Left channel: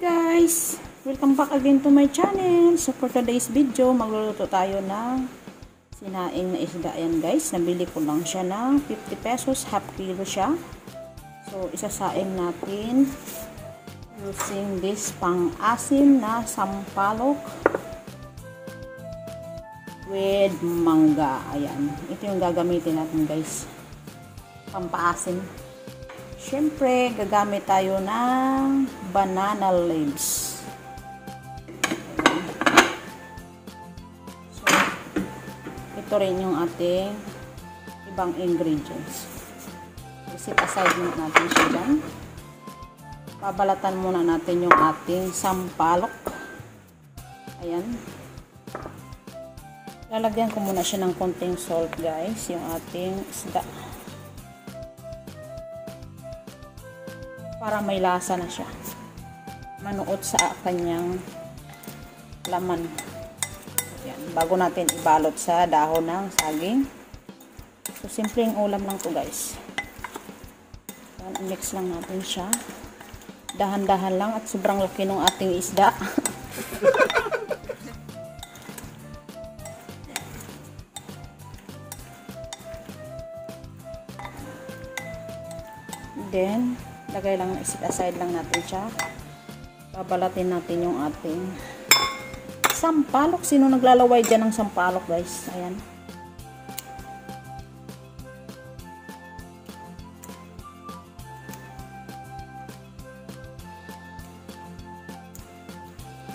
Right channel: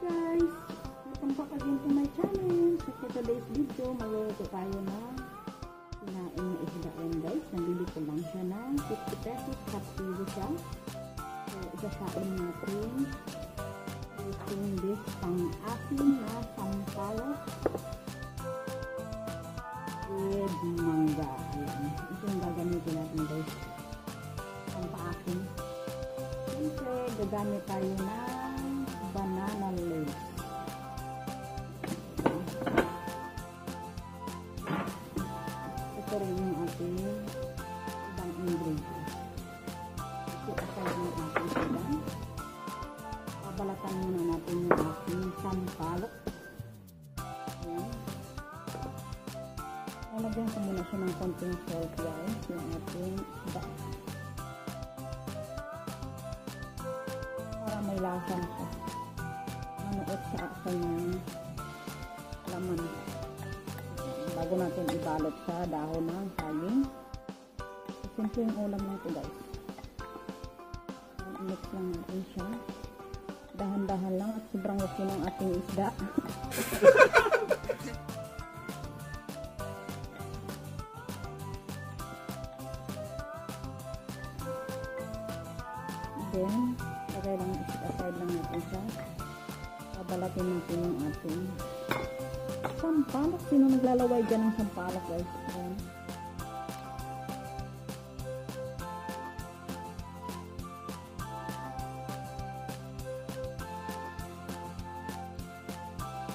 Guys, welcome back again to my channel. So for today's video, magluluto tayo ng sinaing na isda. Ayan guys, nabili ko lang siya ng 50 pesos, half kilo siya. So isasaing natin using this pang-asim na sampalok with mangga. Ayan, ito yung gagamitin natin guys, pampaasim. Siyempre, gagamit tayo ng banana leaves. So, ito rin yung ating ibang ingredients. Set aside natin siya dyan. Babalatan muna natin yung ating sampalok. Ayan. Lalagyan ko muna siya ng konting salt guys, yung ating isda. Para may lasa na siya. Manuot sa kanyang laman. Ayan, bago natin ibalot sa dahon ng saging. So, simpleng ulam lang to guys. Ayan, mix lang natin siya. Dahan-dahan lang at sobrang laki ng ating isda. Then, lagay lang, isit aside lang natin siya. Babalatin natin yung ating sampalok. Sino naglalaway dyan ng sampalok guys? Ayan.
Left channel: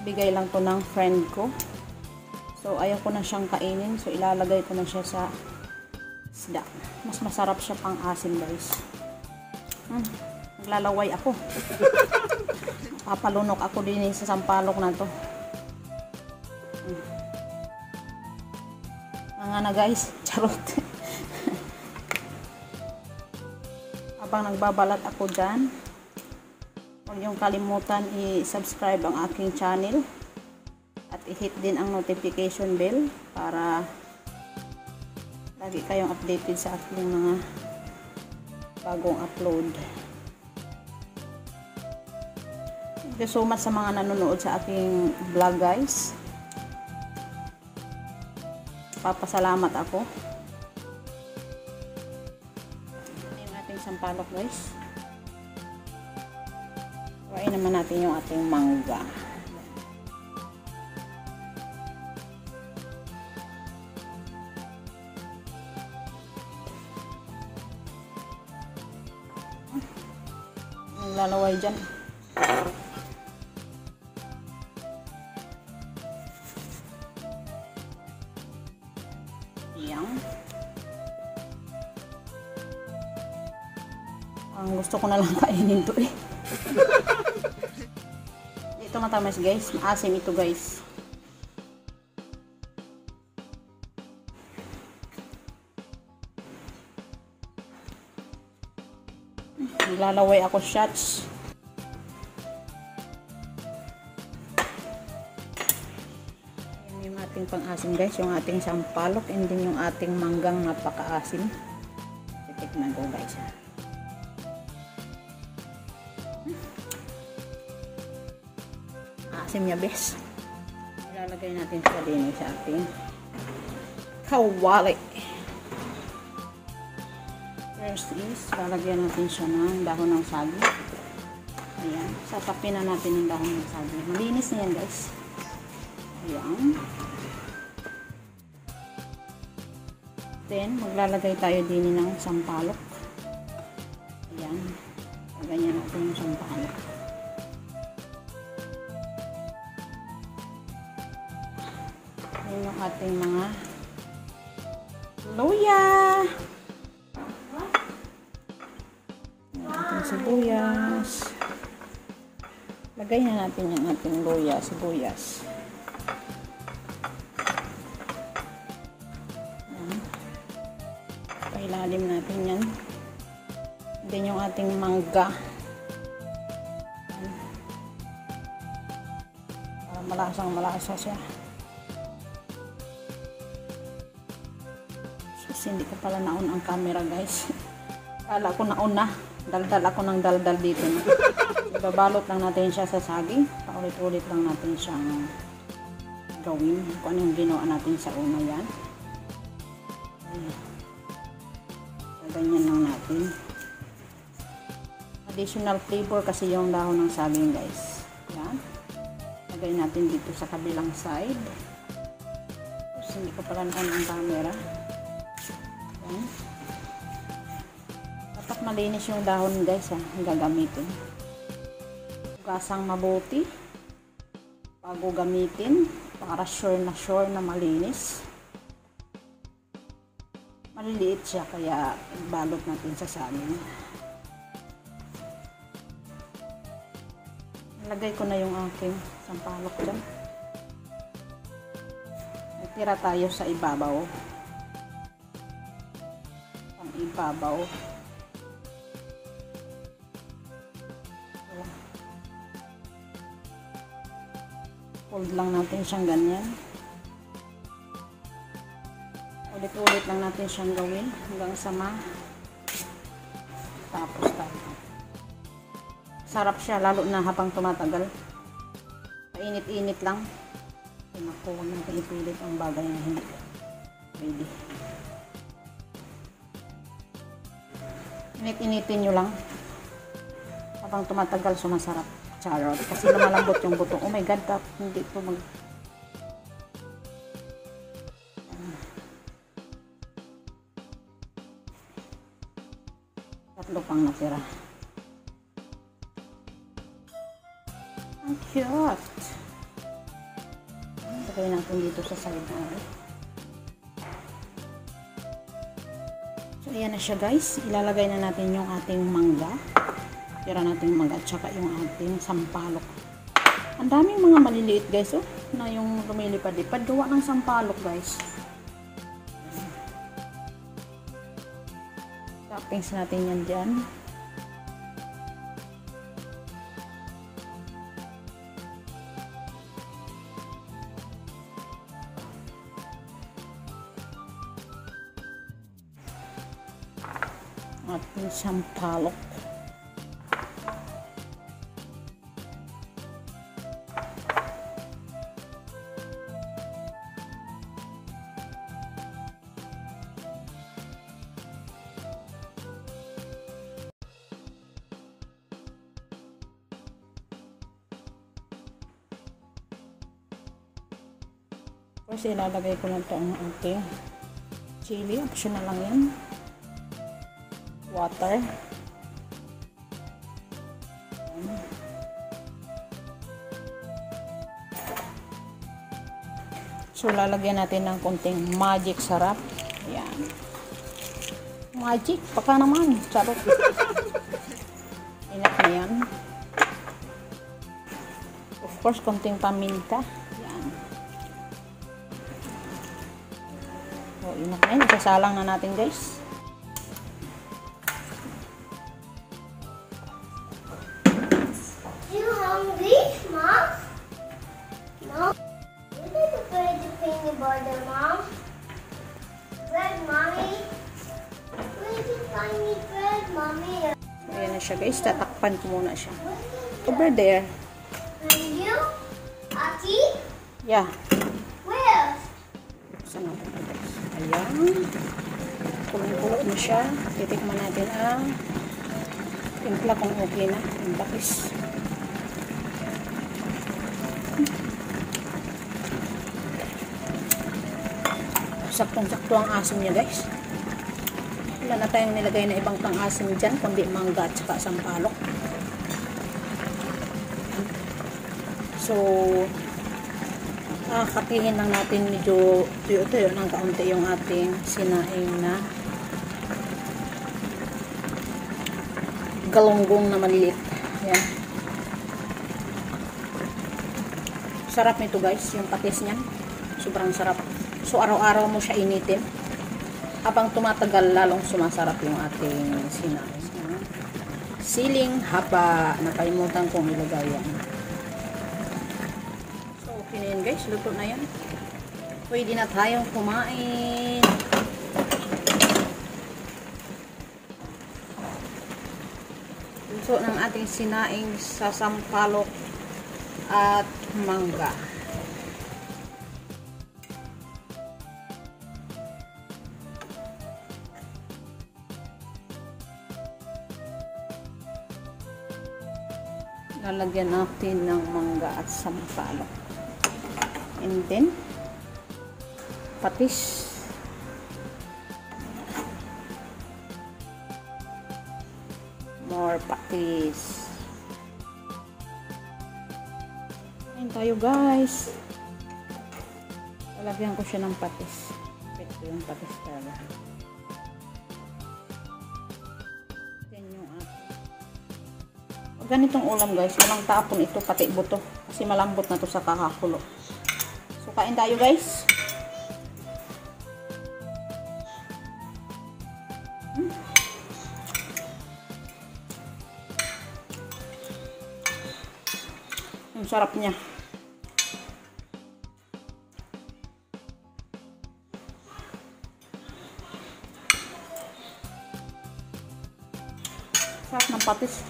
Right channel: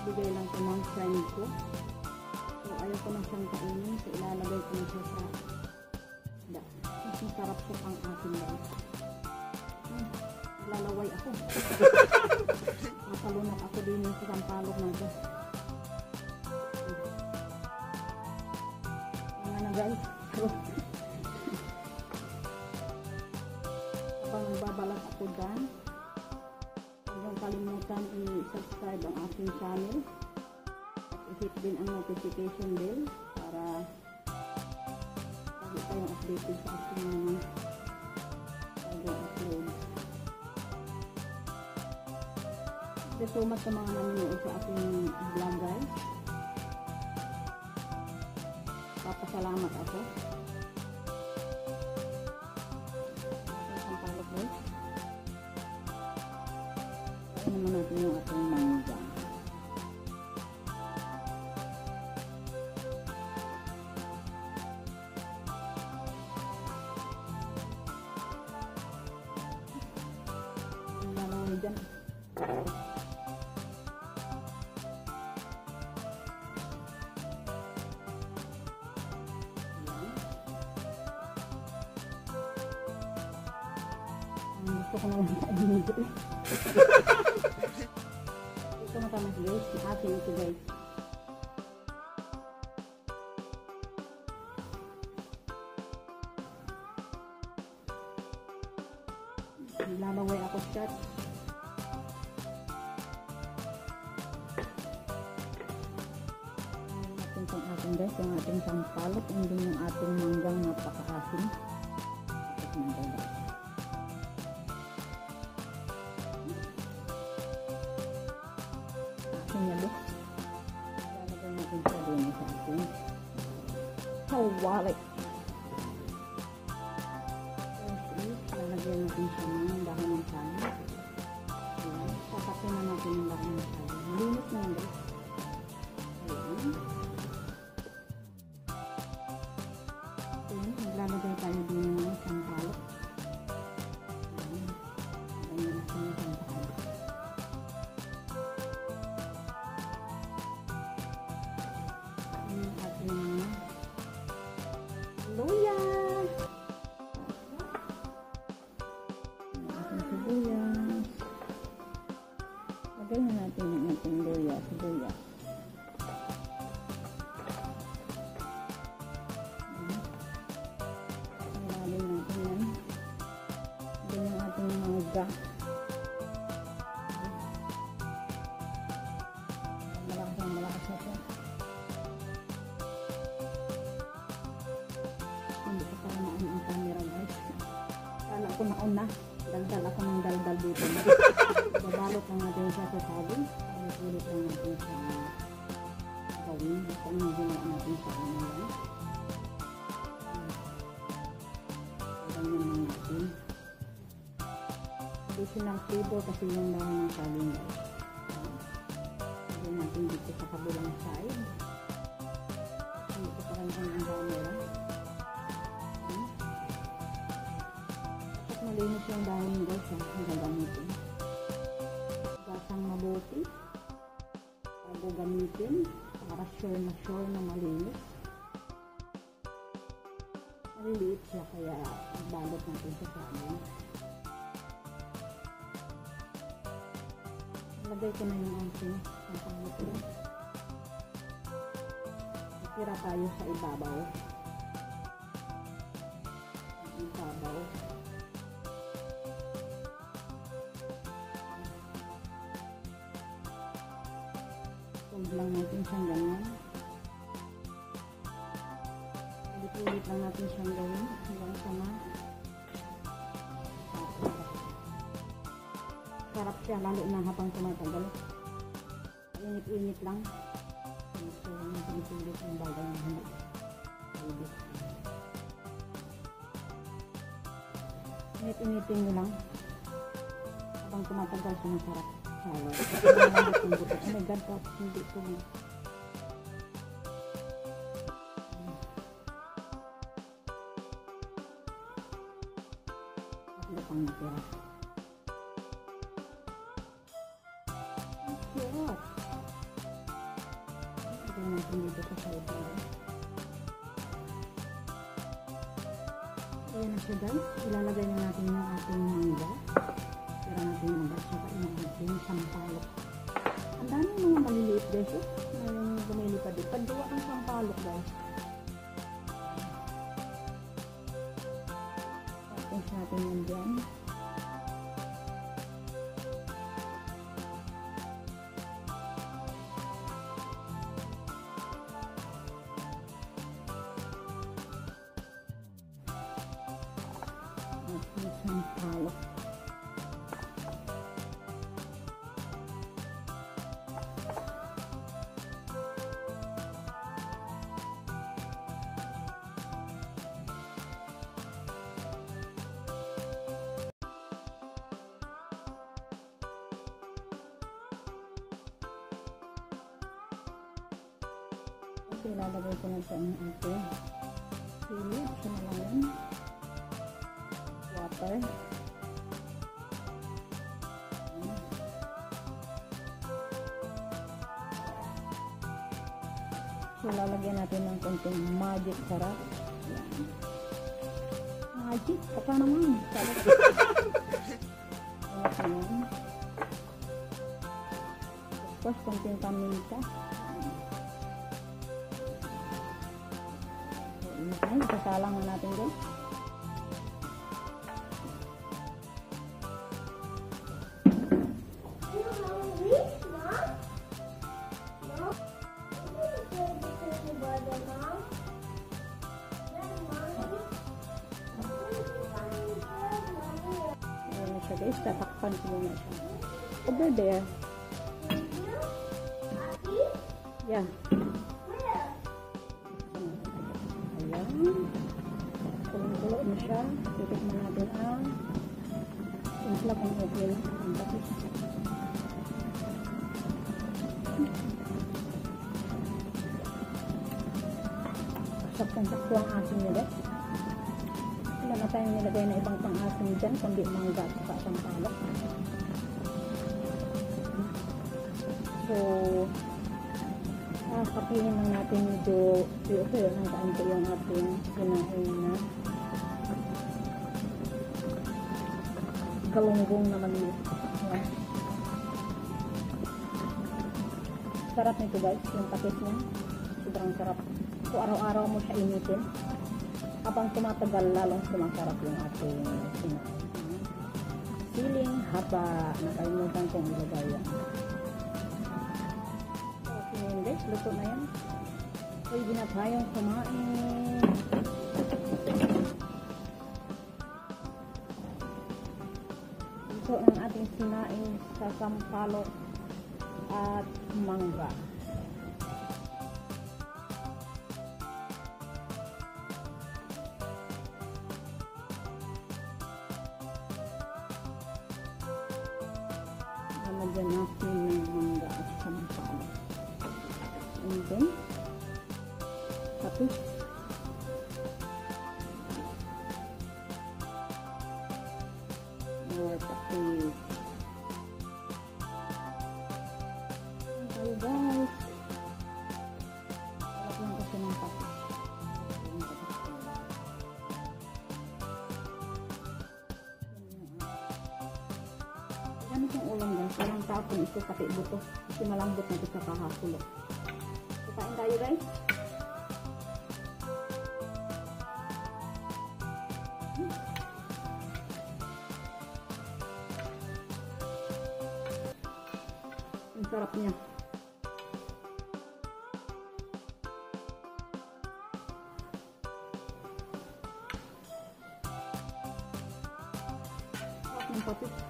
Bigay lang ko ng friend ko. So, ayaw ko na siyang kainin. So, ilalagay ko na siya sa isda. Mas masarap siya pang asim guys. Naglalaway ako. Papalunok ako din sa sampalok na to. Mga na guys, charot. Habang nagbabalat ako dyan, huwag niyong kalimutan i-subscribe ang aking channel at i-hit din ang notification bell para lagi kayong updated sa aking mga bagong upload. Thank you so much sa mga nanonood sa aking vlog guys. Papasalamat ako. Yung ating sampalok guys. Kuhain naman natin yung ating mangga. Lalaway dyan. Yan. Ang gusto ko na lang kainin to eh. Ito matamis guys. Maasim ito guys. Lalaway ako shots. Yan yung ating pang-asim guys, yung ating sampalok and then yung ating manggang napaka-asim. Titikman ko guys. Asim niya bes. Ilalagay natin siya din sa ating kawali. First is, lalagyan natin siya ng dahon ng saging. Ayan. Sasapin na natin yung dahon ng saging. Malinis na yan guys. Ayan. Then, maglalagay tayo din ng sampalok. Ayan. Ganyan natin yung sampalok. Ayan yung ating mga luya. Sibuyas. Lagay na natin yung ating luya, sibuyas. Pailalim natin yan. Then yung ating mangga. Para malasang malasa siya. Kasi hindi ko pala naon ang camera guys. Kala ko nauna. Daldal ako ng daldal dito. Babalot lang natin siya sa saging. Paulit-ulit lang natin siyang gawin. Kung ano yung ginawa natin sa una yan. Ganyan lang natin. Additional flavor kasi yung dahon ng saging, guys. Yan. Lagay natin dito sa kabilang side. Kasi hindi ko pala naman ang camera. Yan. Dapat malinis yung dahon, guys, ha, ang gagamitin. Gasang mabuti bago gamitin para sure na malinis. Maliliit siya kaya ibalot natin sa saging. Lagay ko na yung aking sampalok dyan. Tira tayo sa ibabaw. Ang ibabaw. Hold lang natin siyang ganyan. Ulit-ulit lang natin siyang gawin hanggang sa tapos tayo. Sarap siya lalo na habang tumatagal. Painit-init lang. Nakuha ng painit-init ang bagay na hindi pwede. Init-initin nyo lang. Habang tumatagal sumasarap. Charot. Kasi malambot yung buto. Oh my God, hindi ito mag... Tatlo pang natira. Ang cute. Lagay natin dito sa side na. So, ayan na siya, guys. Ilalagay na natin yung ating mangga. Tira natin yung mangga at saka yung ating sampalok. Ang daming mga maliliit, guys, oh, na yung lumilipad-lipad. Gawa ng sampalok, guys. Toppings natin yan dyan. Ating sampalok. Kasi ilalagay ko na ito ang ating chili. Optional lang yan. Water. So, lalagyan natin ng konting magic sarap. Yan. Magic. Baka naman. Charot. Ingat na yan. Of course, konting paminta. Yan. So, ingat na yan. Isasalang na natin, guys. Ayan na siya, guys. Tatakpan ko muna siya. Over there. And you? Ati? Yeah. Where? Saan natin ito, guys? Ayan. Kulong-kulo na siya. Titikman natin ang timpla kung okay na. Ang bakis. Saktong-sakto ang asim niya, guys. Wala na tayong nilagay na ibang pang-asim dyan, kundi mangga at saka sampalok. So, kapihin lang natin medyo tuyo-tuyo ng kaunti yung ating sinaing na galunggong na maliliit. Ayan. Sarap nito, guys, yung patis niya. Sobrang sarap. So, araw-araw mo siya initin. Habang tumatagal, lalong sumasarap yung ating sinaing. Siling haba. Nakalimutan kong ilagay yan. So, okay na yun, guys. Luto na yan. Pwede na tayong kumain. So, ng ating sinaing sa sampalok at mangga. Lalagyan natin ng mangga at sampalok. And then, patis. More patis. Ayan tayo guys. Lalagyan ko siya ng patis. Ito yung patis talaga. Ganitong ulam guys, walang tapon ito, pati buto. Kasi malambot na to sa kakakulo. So, kain tayo guys. Ang sarap niya. Sarap ng patis.